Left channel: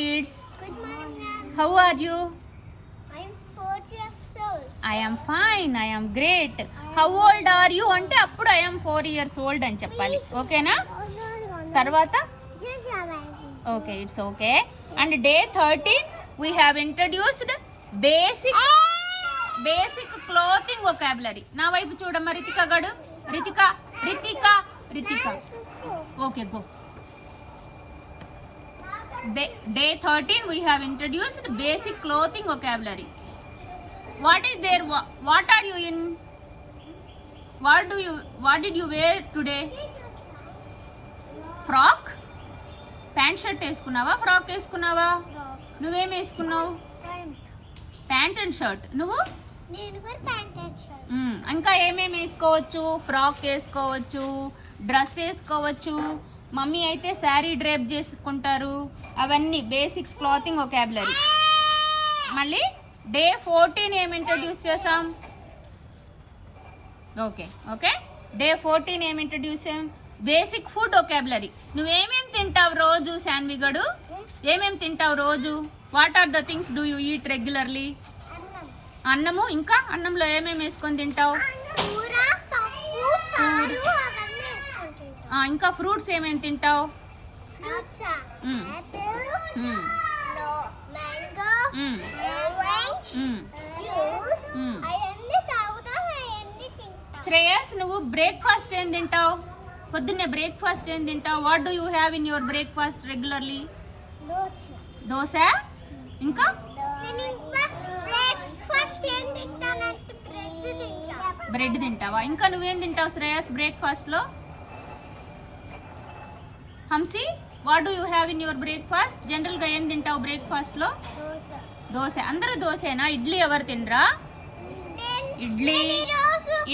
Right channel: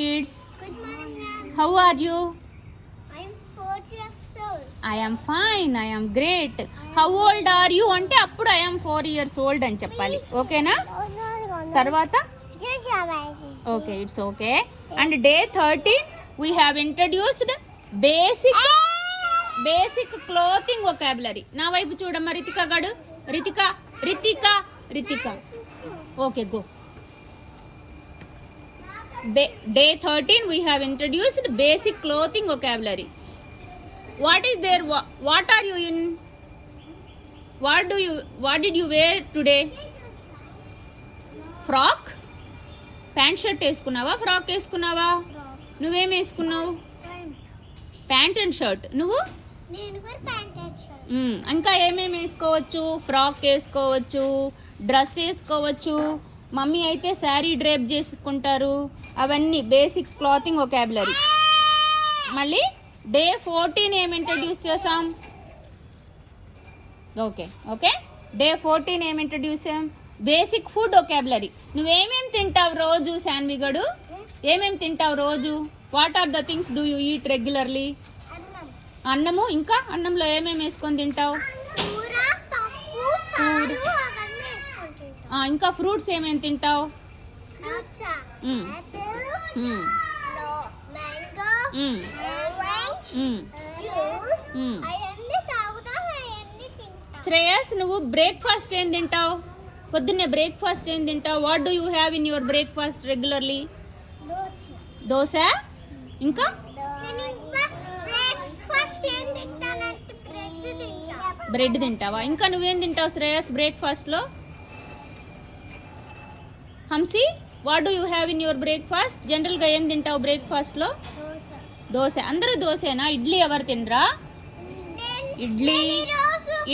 kids. Good morning, ma'am. How are you? I'm 4 years old. I am fine. I am great. How old are you అంటే అప్పుడు I am 4 years old అని చెప్పాలి. ఓకేనా? తర్వాత okay, it's okay. And day 13 we have introduced basic clothing vocabulary. నా వైపు చూడమ్మ రితిక గడు. Ritika. Okay, go. Day 13 we have introduced basic clothing vocabulary. What is there? What are you in? What did you wear today? Frock? Pant shirt వేసుకున్నావా? Frock వేసుకున్నావా? నువ్వేం వేసుకున్నావు? Pant and shirt. నువ్వు? నేను కూడా ప్యాంట్ అండ్ షర్ట్. ఇంకా ఏమేమి వేసుకోవచ్చు? ఫ్రాక్ వేసుకోవచ్చు, డ్రెస్ వేసుకోవచ్చు. మమ్మీ అయితే శారీ డ్రేప్ చేసుకుంటారు. అవన్నీ బేసిక్ క్లాతింగ్ వొకాబులరీ. మళ్ళీ డే 14 ఏం ఇంట్రడ్యూస్ చేసాం? ఓకే డే 14 ఏం ఇంట్రడ్యూస్ చేసాం? Basic food vocabulary. నువ్వేమేం తింటావు రోజు శాన్విగడు? ఏమేం తింటావు రోజు? What are the things do you eat regularly? అన్నము. ఇంకా అన్నంలో ఏమేమి వేసుకొని తింటావు? ఇంకా ఫ్రూట్స్ ఏమేమి తింటావు? శ్రేయస్, నువ్వు బ్రేక్ఫాస్ట్ ఏం తింటావు? పొద్దున్నే బ్రేక్ఫాస్ట్ ఏం తింటావు? What do you have in your breakfast regularly? Dosa. ఇంకా బ్రెడ్ తింటావా? ఇంకా నువ్వేం తింటావు శ్రేయస్ బ్రేక్ఫాస్ట్ లో? Hamsi, what do you have in your breakfast? General గా ఏం తింటావు బ్రేక్ఫాస్ట్ లో? దోశ. అందరూ దోశేనా? ఇడ్లీ ఎవరు తినరా?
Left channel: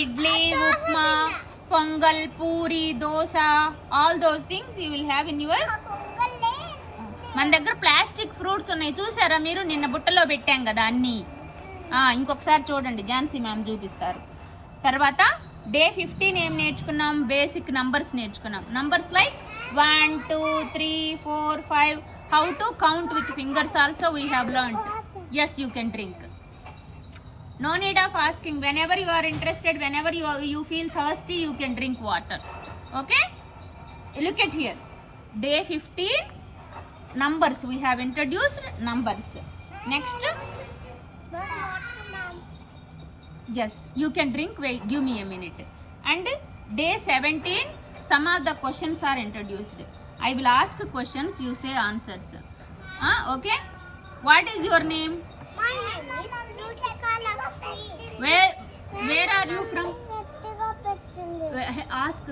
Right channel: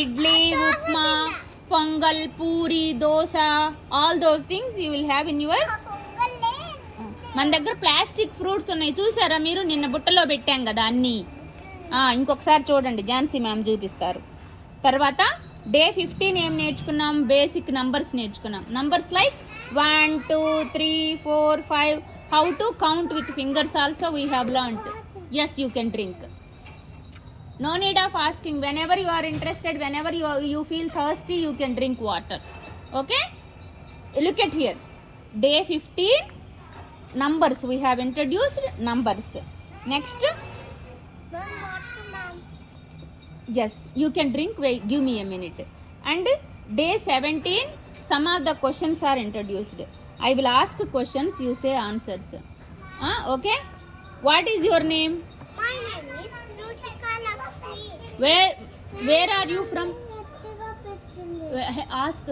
ఇడ్లీ, ఉప్మా, పొంగల్, పూరి, dosa, all those things you will have in your. మన దగ్గర ప్లాస్టిక్ ఫ్రూట్స్ ఉన్నాయి, చూసారా మీరు? నిన్న బుట్టలో పెట్టాం కదా అన్ని. ఇంకొకసారి చూడండి, ఝాన్సీ మ్యామ్ చూపిస్తారు. తర్వాత డే 15 ఏం నేర్చుకున్నాం? బేసిక్ నంబర్స్ నేర్చుకున్నాం. Numbers like 1 2 3 4 5. How to count with fingers also we have learned. Yes, you can drink. No need of asking. Whenever you are interested, whenever you feel thirsty, you can drink water. Okay? Look at here. Day 15 numbers. We have introduced numbers. Next. Yes, you can drink. Wait, give me a minute. And day 17, some of the questions are introduced. I will ask questions, you say answers. Okay? What is your name? My name is Nutika Lakshmi. Where are you from? Ask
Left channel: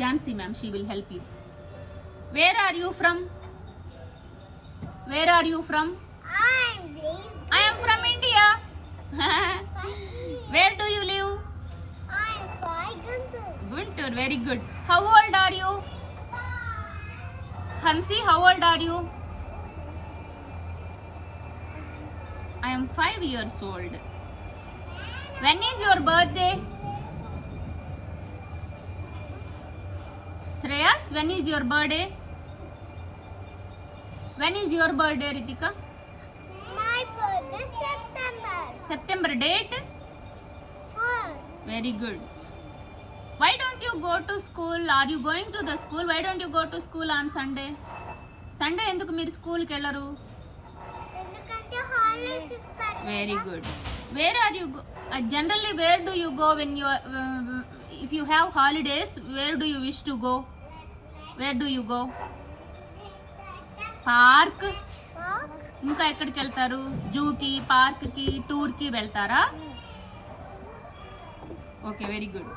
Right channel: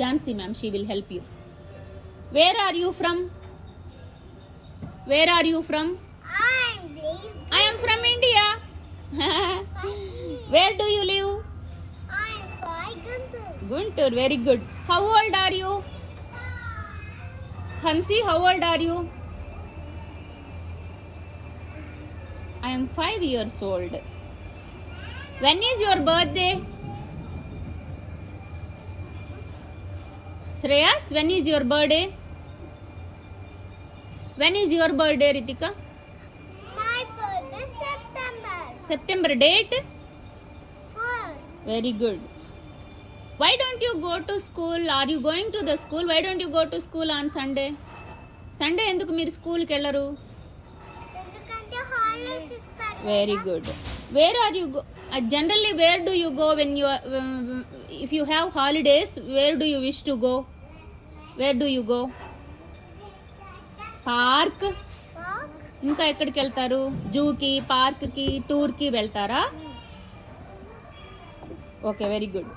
Jansi ma'am, she will help you. Where are you from? Where are you from? I am from India. Where do you live? I am from Guntur. Guntur, very good. How old are you? Hamsi, how old are you? I am 5 years old. When is your birthday? Shreyas, when is your birthday? When is your birthday, Ritika? My birthday is September. September. Date? 4. Very good. Why don't you go to school? Are you going to the school? Why don't you go to school on Sunday? Sunday enduku meer school ki ellaru? ఎందుకంటే హాలిడేస్ ఇస్తారు. Very good. Where are you go? Generally, where do you go when you if you have holidays? Where do you wish to go? Where do you go? Park. ఇంకా ఎక్కడికి వెళ్తారు? జూకి, park కి, tour కి వెళ్తారా? Okay, very good.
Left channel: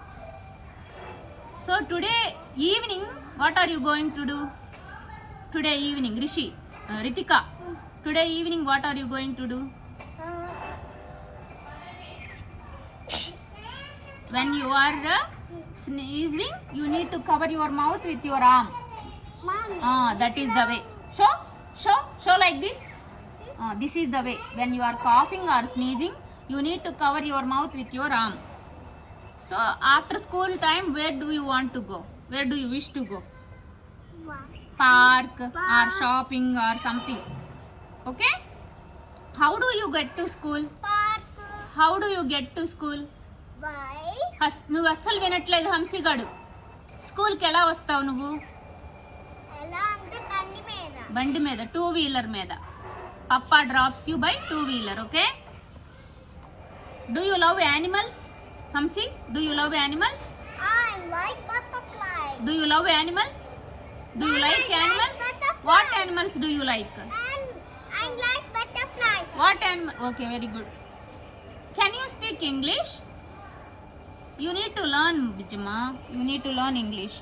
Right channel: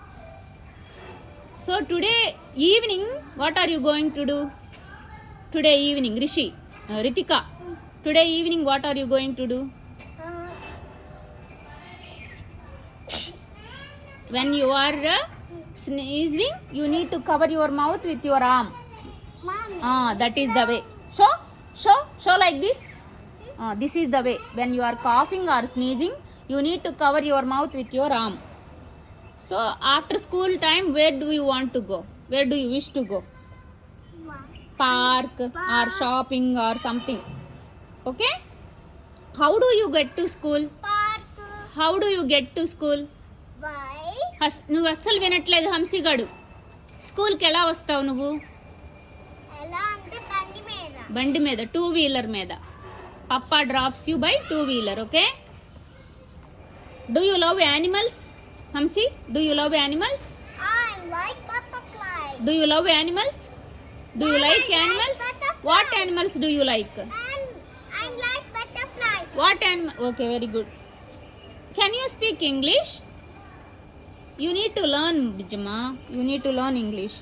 So today evening what are you going to do? Today evening Ritika, today evening what are you going to do? When you are sneezing, you need to cover your mouth with your arm. Mommy. That is the way. Show like this. This is the way. When you are coughing or sneezing, you need to cover your mouth with your arm. So after school time, where do you want to go? Where do you wish to go? Park or shopping or something. Okay. How do you get to school? Park. How do you get to school? By. నువ్వు అస్సలు వినట్లేదు హంసిగాడు. స్కూల్కి ఎలా వస్తావు నువ్వు? ఎలా అంటే బండి మీద. బండి మీద, 2 వీలర్ మీద. Papa drops you by 2 wheeler. Okay. Do you love animals? Hamsi, do you love animals? I like butterfly. Do you love animals? Do you Mom, like I like animals? butterfly. What animals do you like? And I like butterfly. What animal? Okay, very good. Can you speak English? You need to learn Bijjamma, you need to learn English.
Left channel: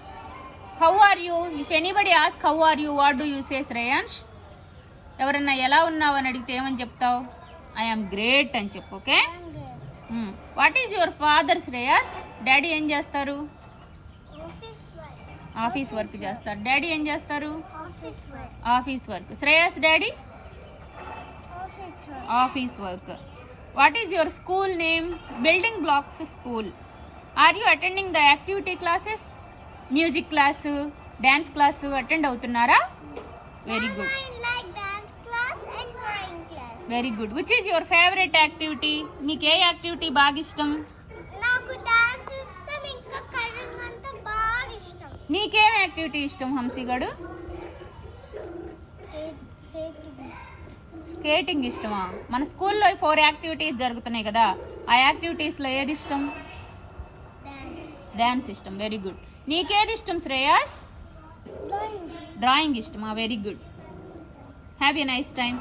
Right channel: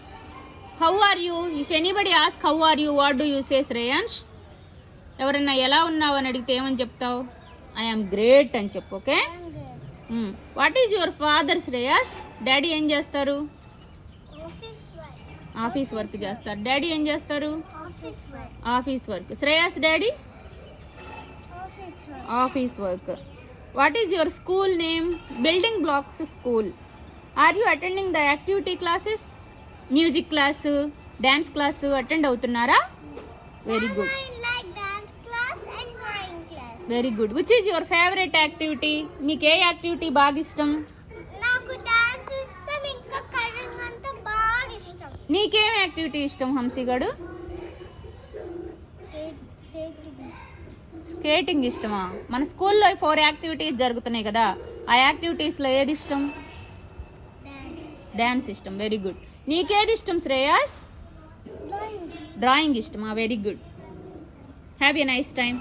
How are you? If anybody ask how are you, what do you say Shreyansh? ఎవరన్నా ఎలా ఉన్నావు అని అడిగితే ఏమని చెప్తావు? I'm great అని చెప్పు. Okay. I'm good. What is your father Shreyas? Daddy ఏం చేస్తారు? Office work. ఆఫీస్ వర్క్ చేస్తారు. డాడీ ఏం చేస్తారు? Office work. Office work. Shreyas daddy Office work. Office work. What is your school name? Building blocks school. Are you attending the activity classes? Music class, dance class attend అవుతున్నారా? Very Mom, good, I like dance class and drawing class. Very good. Which is your favourite activity? మీకు ఏ యాక్టివిటీ బాగా ఇష్టం? నాకు డాన్స్ ఇష్టం, ఇంకా కలరింగ్ అంతా బాగా ఇష్టం. నీకేం యాక్టివిటీ ఇష్టం హంసిగడు? స్కేటింగ్ ఇష్టమా? మన స్కూల్లో 4 యాక్టివిటీస్ జరుగుతున్నాయి కదా, ఆ యాక్టివిటీస్లో ఏది ఇష్టం? డ్యాన్స్ ఇష్టం. Very good. నీకేది ఇష్టం శ్రేయాస్? డ్రాయింగ్ ఇష్టమా? Very good. Have a nice time.